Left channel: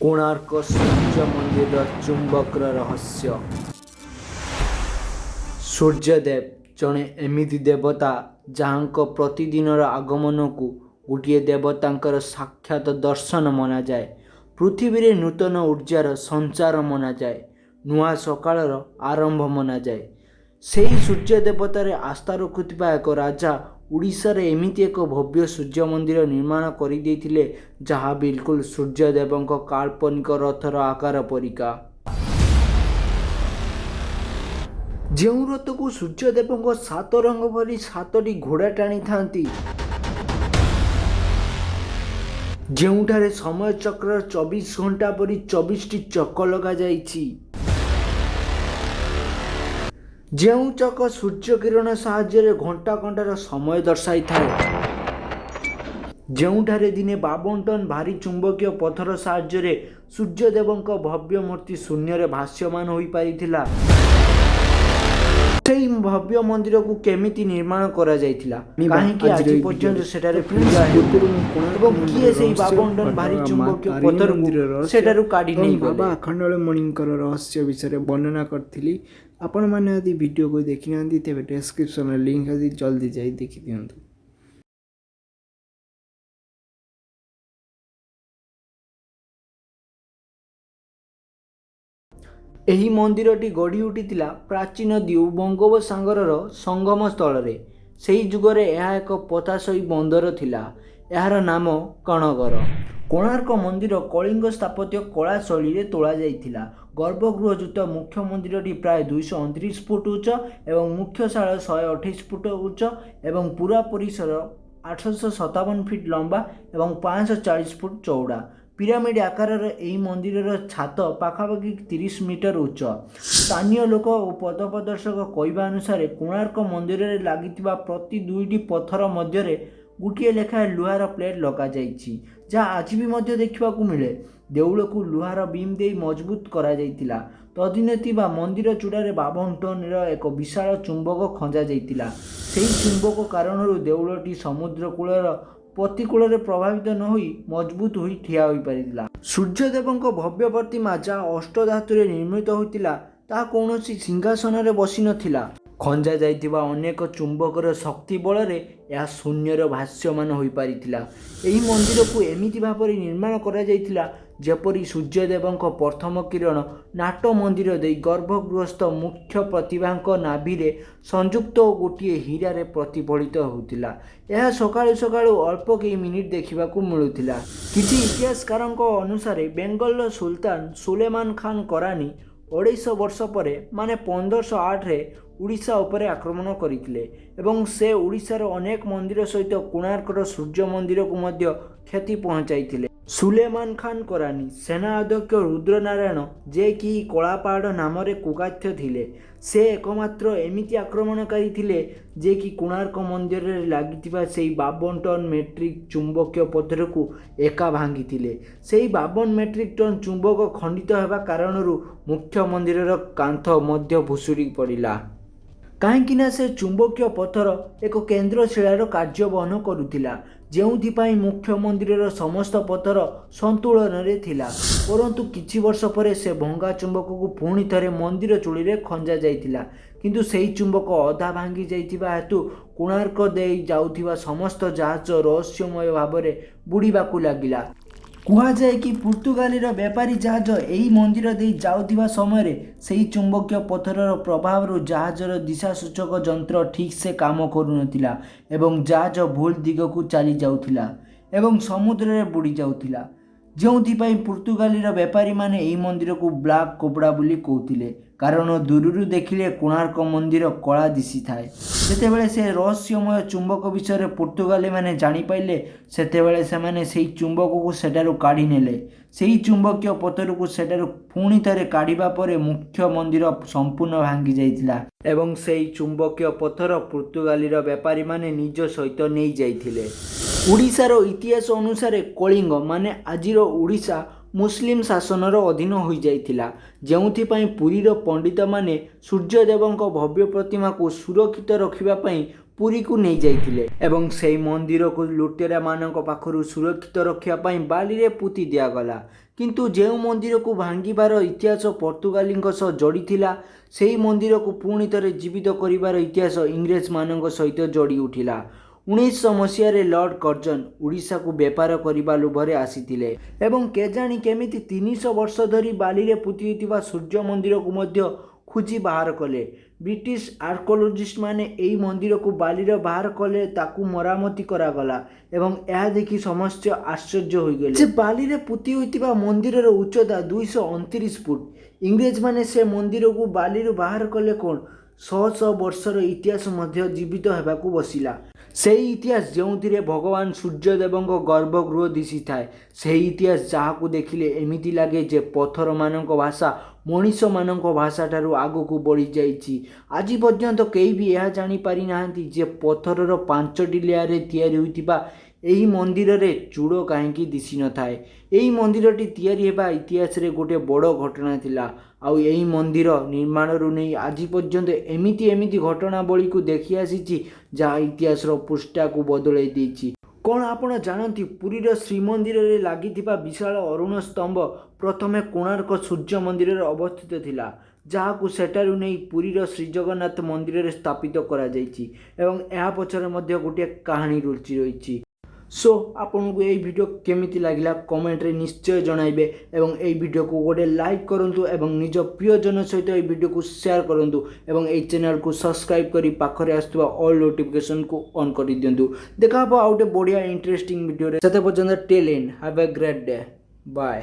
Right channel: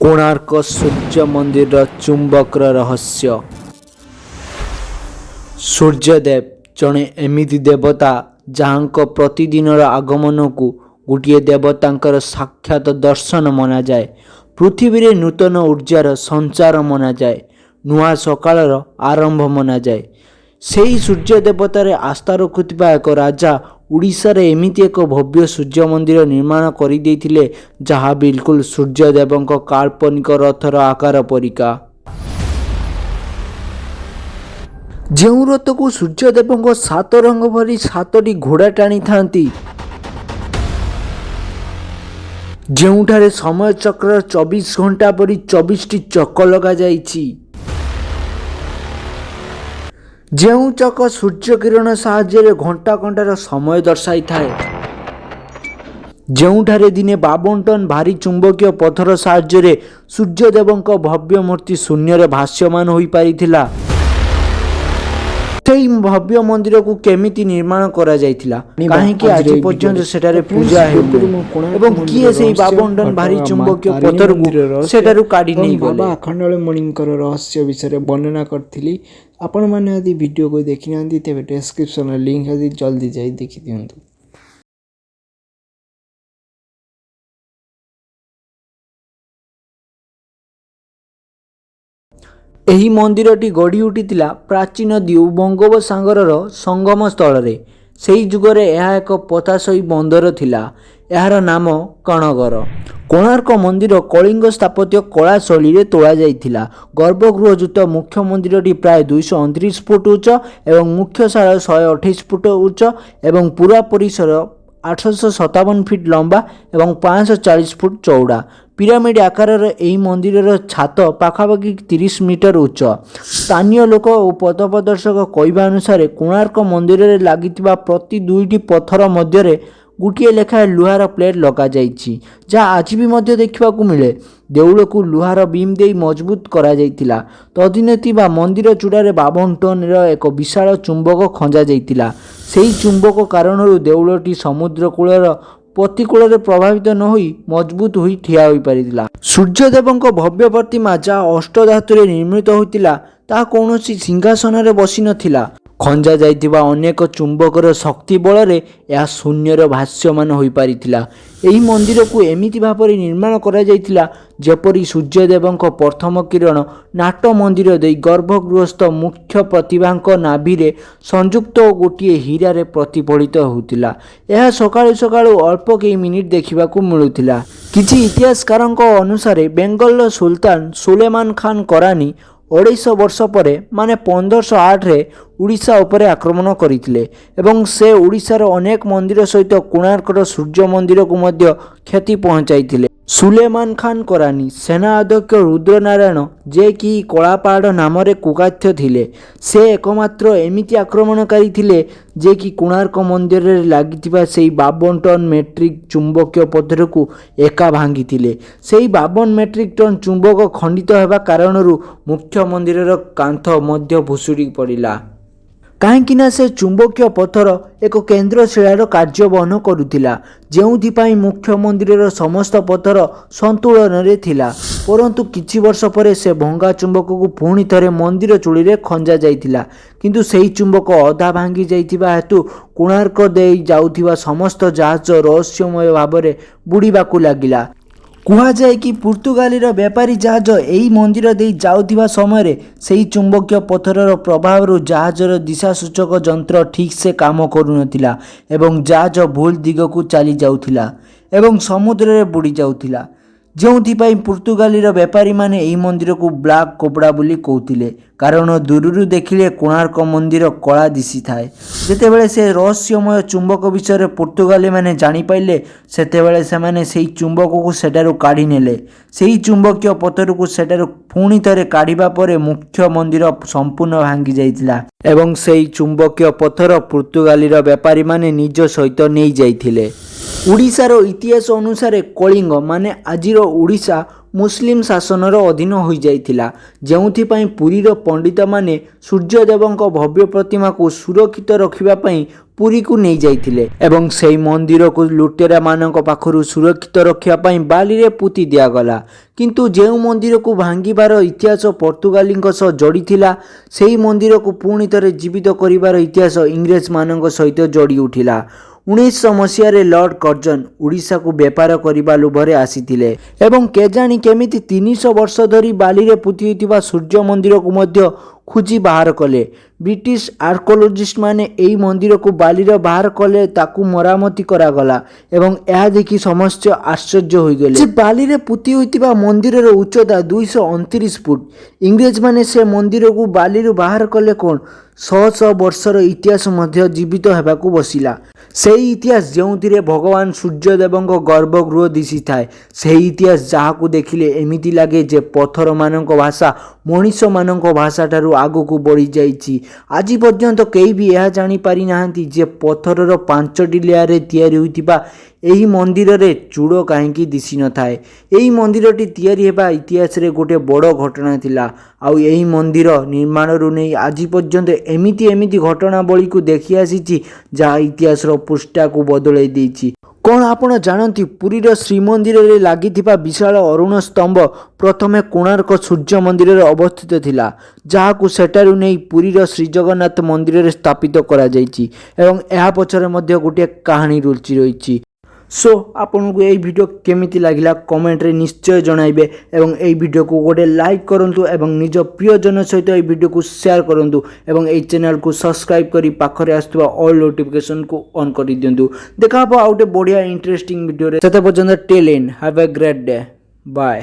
କୋଣାର୍କ ସୂର୍ଯ୍ୟ ମନ୍ଦିରର ଚୁମ୍ବକର ରହସ୍ୟ। ସୂର୍ଯ୍ୟଦେବ ଜଣେ ଏମିତି ଦେବତା ଯାହାଙ୍କ ପ୍ରତିଦିନର ଆଗମନକୁ ଗୋଟିଏ ଦେବତାଙ୍କର ସାକ୍ଷାତ ଦର୍ଶନ ମନାଯାଏ। ପୃଥିବୀରେ ନୂତନ ଉର୍ଜାର ସଞ୍ଚାର ମନାଯାଏ, ନୂଆ ସକାଳର ଆରମ୍ଭ ମନାଯାଏ। ସେହି ସୂର୍ଯ୍ୟ ଦେବତାରେ ଆସ୍ଥା ରଖୁଥିବା ଏକ ରାଜା ଓଡ଼ିଶାରେ ଏମିତି ଏକ ଭବ୍ୟ ସୂର୍ଯ୍ୟ ମନ୍ଦିର ନିର୍ମାଣ କରିଦେଇଥିଲେ ଯାହା ବିଲକୁଲ ସୂର୍ଯ୍ୟଦେବଙ୍କ କାଳ୍ପନିକ ରଥର ଆକାର ପରିକା। ଯେଉଁ ରଥକୁ ସୂର୍ଯ୍ୟଦେବଙ୍କ ସାତ ରଙ୍ଗ ଭଳି ସାତଟି ଘୋଡ଼ା ଟାଣିଥାନ୍ତି, ଯେଉଁଠାରେ ସମୟ ଚକ୍ରର 24 ଘଣ୍ଟା ପରି 24ଟି ଚକ ଲଗାଯାଇଛି, ଯେଉଁ ଚକ ସୂର୍ଯ୍ୟ କିରଣ ସାହାଯ୍ୟରେ ଘଣ୍ଟା ଘଣ୍ଟାର ସମୟ ଦର୍ଶାଇଥାଏ, ଯେଉଁଠାରେ ଦିନେ 52 ଟନ୍ ଭାରୀ ଚୁମ୍ବକୀୟ ପଥର ସାହାଯ୍ୟରେ ସୂର୍ଯ୍ୟଦେବଙ୍କ ଭବ୍ୟ ମୂର୍ତ୍ତି ଶୂନ୍ୟରେ ଭାସ୍ୟମାନ ହୋଇପାରିଥିଲା। ସେହି ଭବ୍ୟ ମନ୍ଦିରକୁ କେମିତି ନିର୍ମାଣ କରାଯାଇଥିଲା, କାହିଁକି ଆଜି ପର୍ଯ୍ୟନ୍ତ ସେଠାରେ ପୂଜା ହେଉନି ଏବଂ କିଏ ସେହି 52 ଟନ୍ ଭାରୀ ଚୁମ୍ବକୀୟ ପଥରକୁ ସେଠାରୁ କାଢ଼ି ନେଇଗଲେ? ବାବା ଆଖଣ୍ଡଳମଣିଙ୍କର ରହସ୍ୟ ବିଷୟରେ ବର୍ଣ୍ଣନା କରିଥିଲି। ଆପଣମାନେ ଯଦି ଭିଡ଼ିଓକୁ ଦେଖିନାହାନ୍ତି ତେବେ ଡେସ୍କ୍ରିପ୍ସନରେ ଲିଙ୍କ୍ ଅଛି, ଜଲ୍ଦି ଯାଇ ଦେଖିଦିଅନ୍ତୁ। ଏହି ମନ୍ଦିରଟି ଗଢ଼ି ଉଠିଥିଲା ପ୍ରାଚୀନ ନଦୀ ଓ ବଙ୍ଗୋପସାଗରର ସଙ୍ଗମ ସ୍ଥଳରେ। ସେହି ଯୁଗରେ ଏହା ଏକ ପଥାସଇ ବନ୍ଦର ଥିଲା। ଏହାର ନାମ କଣଗର। କୋଣାର୍କ ମନ୍ଦିର କଳିଙ୍ଗ ସ୍ଥାପତ୍ୟ କଳା ଶୈଳୀରେ ତୋଳାଯାଇଥିଲା। ଗର୍ଭଗୃହଯୁକ୍ତ ମୁଖ୍ୟ ମନ୍ଦିରଟି ପ୍ରାୟ 229 ଫୁଟ ଉଚ୍ଚ ଏବଂ ମୁଖ୍ୟଶାଳ 128 ଫୁଟ ଉଚ୍ଚ ଏବଂ ପୁରା ପରିସର 857 ଫିଟ୍ ଲମ୍ବା ଏବଂ 540 ଫୁଟ ଚଉଡ଼ା। ପିରାମିଡ଼ ଆକାରର ଏହି ମନ୍ଦିରର ଛାତ ପାଖାପାଖି 30 ମିଟର ଉଚ୍ଚ। ସ୍ଥାନୀୟ ଲୋକ ଓ ପଥପ୍ରଦର୍ଶକ କହିବା ଅନୁସାରେ କୋଣାର୍କ ମନ୍ଦିରରେ ଲାଗିଥିବା ପ୍ରତି 2ଟି ପଥର ମଧ୍ୟରେ ଗୋଟିଏ ଲେଖାଏଁ ଲୁହାର ପ୍ଲେଟ୍ ଲଗାଯାଇଛି, ଯାହା ଆଜି ବି ମଧ୍ୟ ଦେଖିବାକୁ ମିଳେ। ଦେଉଳକୁ ଲୁହାର ବିମ୍ ଦେଇ ମଜବୁତ କରାଯାଇଥିଲା। ତଦିନତି ବା ମନ୍ଦିର ଚୂଡ଼ାରେ 52 ଟନ୍ର ଏକ ବିଶାଳ ଚୁମ୍ବକ ଖଞ୍ଜାଯାଇଥିଲା। ସେହି ଚୁମ୍ବକ କାରଣରୁ ଦେଉଳଟି ସମୁଦ୍ର କୂଳର ପ୍ରତିକୂଳରେ ପ୍ରଭାବିତ ନ ହୋଇ ମଜବୁତ ହୋଇ ଠିଆ ହୋଇପାରିଥିଲା। ସୂର୍ଯ୍ୟଦେବଙ୍କ ଭବ୍ୟ ପ୍ରତିମା ଯାହା ଅଷ୍ଟଧାତୁରେ ନିର୍ମିତ ହୋଇଥିଲା, ତାହା କୌଣସି ସିଂହାସନରେ ବସିନଥିଲା। ଖଞ୍ଜା ଯାଇଥିବା ଅନେକ ଚୁମ୍ବକର ଶକ୍ତି ବଳରେ ଏହା ଶୂନ୍ୟରେ ଭାସ୍ୟମାନ ହୋଇପାରିଥିଲା। ଏହି ମନ୍ଦିରକୁ ଏମିତି ଭାବରେ ନିର୍ମାଣ କରାଯାଇଥିଲା ଯେପରି ସୂର୍ଯ୍ୟଦେବଙ୍କ ପ୍ରଥମ କିରଣ ନାଟ ମନ୍ଦିର ଦେଇ ଗର୍ଭଗୃହସ୍ଥ ମୁଖ୍ୟ ପ୍ରତିଭାଙ୍କ ନାଭିରେ ସଂଯୁକ୍ତ ଗୋଟିଏ ହୀରାରେ ପ୍ରତିଫଳିତ ହେଉଥିଲା। ଏହା ସକାଳୁ ସକାଳୁ ଅଳ୍ପ କେଇ ମିନିଟ୍ ଦେଖିବାକୁ ମିଳୁଥିଲା। କିଛି ଇତିହାସକାରଙ୍କ ଅନୁସାରେ ବେଙ୍ଗଲର ସୁଲତାନ ସୁଲେମାନ ଖାନ କରାନୀ 250 ବର୍ଷ ପରେ ମାନେ 1508ରେ ଓଡ଼ିଶା ଉପରେ ଆକ୍ରମଣ କରିଥିଲେ ଏବଂ ସେ ଓଡ଼ିଶାର ଅନେକ ମନ୍ଦିର ସହିତ କୋଣାର୍କର ସୂର୍ଯ୍ୟ ମନ୍ଦିରକୁ ମଧ୍ୟ କ୍ଷତି ପହଞ୍ଚାଇଥିଲେ। ସୁଲେମାନ ଖାନ କରାନୀ ସେନା ଅଧ୍ୟକ୍ଷ ରୁଦ୍ରନାରାୟଣ, ଯେ କି କଳାପାହାଡ଼ ନାମରେ କୁଖ୍ୟାତ ଥିଲେ, ସେ ଏକମାତ୍ର ଏମିତି ଆକ୍ରମଣକାରୀ ଥିଲେ ଯେ କି କୋଣାର୍କ ମନ୍ଦିରରେ ଲାଗିଥିବା ସେହି 52 ଟନ୍ ମେଟ୍ରିକ୍ ଚୁମ୍ବକୀୟ ପଥରକୁ ଏକା ଭାଙ୍ଗିଥିଲେ। ସେହି 52 ମେଟ୍ରିକ୍ ଟନ୍ ଚୁମ୍ବକ ଖଣ୍ଡିତ ହେବା କାରଣରୁ ମୁଖ୍ୟ ମନ୍ଦିରର କାନ୍ଥ ମଧ୍ୟ ଭୁଷୁଡ଼ି ପଡ଼ିଲା। କାହିଁକି ନା ସେ ଚୁମ୍ବକୀୟ ପଥର ଏକ କେନ୍ଦ୍ରଶିଳାର କାର୍ଯ୍ୟ ବହନ କରୁଥିଲା, ଯେଉଁଥିପାଇଁ ମୁଖ୍ୟ ମନ୍ଦିରର ସମସ୍ତ ପଥର ସନ୍ତୁଳନରେ ଥିଲା। ପରନ୍ତୁ କିଛି ବର୍ଷ ପରେ ସେ ଭଙ୍ଗା ଚୁମ୍ବକକୁ ପୁଣି ଥରେ ମନ୍ଦିର ଚୂଳିରେ ଖଞ୍ଜା ଯାଇଥିଲା, କିନ୍ତୁ ସେହି ଚୁମ୍ବକ ଅଧା ଭାଙ୍ଗି ଯାଇଥିବା ହେତୁ କୋଣାର୍କ ଦେଇ ଯାଉଥିବା ସମସ୍ତ ଜାହାଜ ରହସ୍ୟମୟ ଭାବରେ ବୁଡ଼ିବାକୁ ଲାଗିଲା। କୁହାଯାଏ କି ପର୍ତ୍ତୁଗାଲୀର ବେପାରୀ ଜାହାଜ ଏହି ମନ୍ଦିର ଦେଇ ଯାଉଥିବା ସମୟରେ ସେହି ଚୁମ୍ବକୀୟ ପଥରର ପ୍ରଭାବରୁ ଜାହାଜର ଦିଶାସୂଚକ ଯନ୍ତ୍ର ଠିକ୍ସେ କାମ କରୁନଥିଲା ଏବଂ ଜାହାଜ ଭୁଲ ଦିଗକୁ ଚାଲି ଯାଉଥିଲା ଏବଂ ସମୁଦ୍ରରେ ବୁଡ଼ି ଯାଉଥିଲା, ଯେଉଁଥିପାଇଁ ପର୍ତ୍ତୁଗାଲୀର ବେପାରୀମାନେ ଏହି ମନ୍ଦିରକୁ ବ୍ଲାକ୍ କୋବ୍ରା ବୋଲି କହୁଥିଲେ, କାରଣ ଦୂରରୁ ଦେଖିଲେ କୋଣାର୍କ ମନ୍ଦିର କଳା ଦିଶିଥାଏ। ଯେତେବେଳେ ସେ ରହସ୍ୟମୟ ଚୁମ୍ବକ ବିଷୟରେ ପର୍ତ୍ତୁଗାଲୀମାନେ ଜାଣିପାରିଲେ, ସେତେବେଳେ ସେମାନେ ସେହି ଚୁମ୍ବକକୁ ସେଠାରୁ କାଢ଼ି ନେଲେ। ସେହି ଚୁମ୍ବକୀୟ ପଥରକୁ ସେଠାରୁ ପୁଣି ଥରେ କାଢ଼ିବା ପରେ ମୁଖ୍ୟ ମନ୍ଦିର ସମ୍ପୂର୍ଣ୍ଣ ଭାଙ୍ଗି ଯାଇଥିଲା ଏବଂ ସେହି ଚୁମ୍ବକୀୟ ପଥର ପର୍ତ୍ତୁଗାଲୀର ବେପାରୀମାନେ ନିଜ ସହିତ ନେଇଯାଇଥିଲେ। ଓଡ଼ିଶାର ଇତିହାସ ଅନୁସାରେ କଳିଙ୍ଗ ମାନେ ଆଜିର ଓଡ଼ିଶା ମୁସଲିମ ଶାସନର ଅଧୀନ ହୋଇଯାଇଥିଲା, ଯେଉଁଥିପାଇଁ ପୁରୀର ପଣ୍ଡିତମାନେ ସୂର୍ଯ୍ୟଦେବଙ୍କ ଭବ୍ୟ ପ୍ରତିମାକୁ ସୁରକ୍ଷିତ ରଖିବା ପାଇଁ ପୁରୀକୁ ନେଇଯାଇଥିଲେ ଏବଂ ସେହି ମନ୍ଦିରକୁ ଲୁଟେରାମାନଙ୍କ ପାଖରୁ ସୁରକ୍ଷିତ ରଖିବା ପାଇଁ ବାଲିରେ ପୋତି ଦିଆଗଲା। କିନ୍ତୁ ଯେଉଁ ମନ୍ଦିରକୁ ଭାଙ୍ଗିବାର ଇତିହାସ ପର୍ତ୍ତୁଗାଲୀଙ୍କ ସହ ଯୋଡ଼ିଥିଲା, ସେହି ମନ୍ଦିରକୁ ପୁଣି ଥରେ ଜୀବିତ କରିବାର ଇତିହାସ ଇଂରେଜମାନଙ୍କ ସହିତ ଯୋଡ଼ି ଉଠିଲା। 1900 ମସିହାରେ ଲର୍ଡ଼ କର୍ଜନ ଓଡ଼ିଶାକୁ ବେପାର କରିବା ଲୋଭରେ ଆସିଥିଲେ ଏବଂ କେଜାଣି କେମିତି 300 ବର୍ଷ ଧରି ବାଲିରେ ପୋତି ହୋଇଥିବା ସୂର୍ଯ୍ୟ ମନ୍ଦିରକୁ ମଧ୍ୟ ଖୋଜି ବାହାର କଲେ। ବ୍ରିଟିଶ ଆର୍କୋଲୋଜିଷ୍ଟମାନେ ଏହି ମନ୍ଦିରକୁ ବାଲିର ବାହାର କଲେ, ତାକୁ ମରାମତି କରାଗଲା ଏବଂ ଏହା ଦେଖି ସମସ୍ତେ ଆଶ୍ଚର୍ଯ୍ୟ ହୋଇଗଲେ ଯେ ବାଲିରେ ପୋତି ହୋଇଥିବା ମନ୍ଦିରର ଉଚ୍ଚତା 229 ଫୁଟ। ଇଂରେଜମାନେ ସେ ମନ୍ଦିରକୁ ବାଲିରୁ ବାହାର କଲେ କ'ଣ? ଶହ ଶହ ବର୍ଷର ଇତିହାସ ମଧ୍ୟ ଜୀବିତ ହେବାକୁ ବସିଲା। ସେହି ଇତିହାସ ଯେଉଁଥିରେ ଭଗବାନ ସୂର୍ଯ୍ୟଦେବଙ୍କ ଗର୍ଭଗୃହ ଦିଶିଥାଏ। ସେହି ଇତିହାସ ଯାହାକୁ ଦେଖିଲେ ଏମିତି ଲାଗେ ଯେ ପଥରମାନଙ୍କ ଭାଷା ମଣିଷମାନଙ୍କ ଭାଷାଠାରୁ ଆଗକୁ ବଢ଼ିଯାଇଛି। ଆଜି ପର୍ଯ୍ୟନ୍ତ କେହି ବି ଏହା ଜାଣିପାରିନାହାନ୍ତି ଯେ ପଥରର 5ଟି ଲେୟାରରେ ତିଆରି ହୋଇଥିବା ଏହି ମନ୍ଦିରରେ ଚୂଡ଼ କାହିଁକି ଦିଶିନଥାଏ। ଏହି ମନ୍ଦିରଟି ତିଆରି ହେବା ଇତିହାସରେ ଗୋଟିଏ ବଡ଼ ଘଟଣା ଥିଲା। ଆଉ ଏହି ମନ୍ଦିର ନିର୍ମାଣରୁ ନେଇ ଆଜି ପର୍ଯ୍ୟନ୍ତ ଏମିତି ଘଟଣାବଳୀକୁ ଦେଖି ଆସିଛି ଯାହା ଇତିହାସର ପୃଷ୍ଠାକୁ ବଦଳାଇ ଦେଇଛି। କ'ଣ ଆପଣ ଜାଣନ୍ତି ପୁରୀର ଶ୍ରୀମନ୍ଦିରରେ ଲାଗିଥିବା ବିଶାଳ ଅରୁଣ ସ୍ତମ୍ଭ ପ୍ରଥମେ କୋଣାର୍କ ସୂର୍ଯ୍ୟ ମନ୍ଦିରରେ ଅବସ୍ଥିତ ଥିଲା, ଯାହାକୁ ସେଠାରୁ ନେଇ ପୁରୀର ଶ୍ରୀଜଗନ୍ନାଥ ମନ୍ଦିରରେ ସ୍ଥାପିତ କରାଯାଇଛି ଏବଂ ଏହା ପଛରେ ମଧ୍ୟ ଗୋଟିଏ କାହାଣୀ ଲୁଚି ରହିଛି। ସୋ ଆପଣଙ୍କୁ ଏହି ଭିଡ଼ିଓ କେମିତି ଲାଗିଲା କମେଣ୍ଟରେ ନିଶ୍ଚୟ ଜଣାଇବେ ଏବଂ ଏହି ଭିଡ଼ିଓକୁ ଗୋଟେ ଲାଇକ୍ କରନ୍ତୁ ଏବଂ ନିଜ ପ୍ରିୟଜନ ସହିତ ଏହି ଭିଡ଼ିଓକୁ ସେୟାର କରନ୍ତୁ ଏବଂ ଏହି ଚ୍ୟାନେଲକୁ ସବସ୍କ୍ରାଇବ୍ କରି ପାଖରେ ଆସୁଥିବା ଅଲ୍ ନୋଟିଫିକେସନକୁ ଅନ୍ କରିଦିଅନ୍ତୁ। ଦେଖା ହେବ ଆଉ ଗୋଟେ ବଢ଼ିଆ ଇଣ୍ଟରେଷ୍ଟିଂ ଭିଡ଼ିଓରେ। ସେତେ ପର୍ଯ୍ୟନ୍ତ till then, have a great day, bye.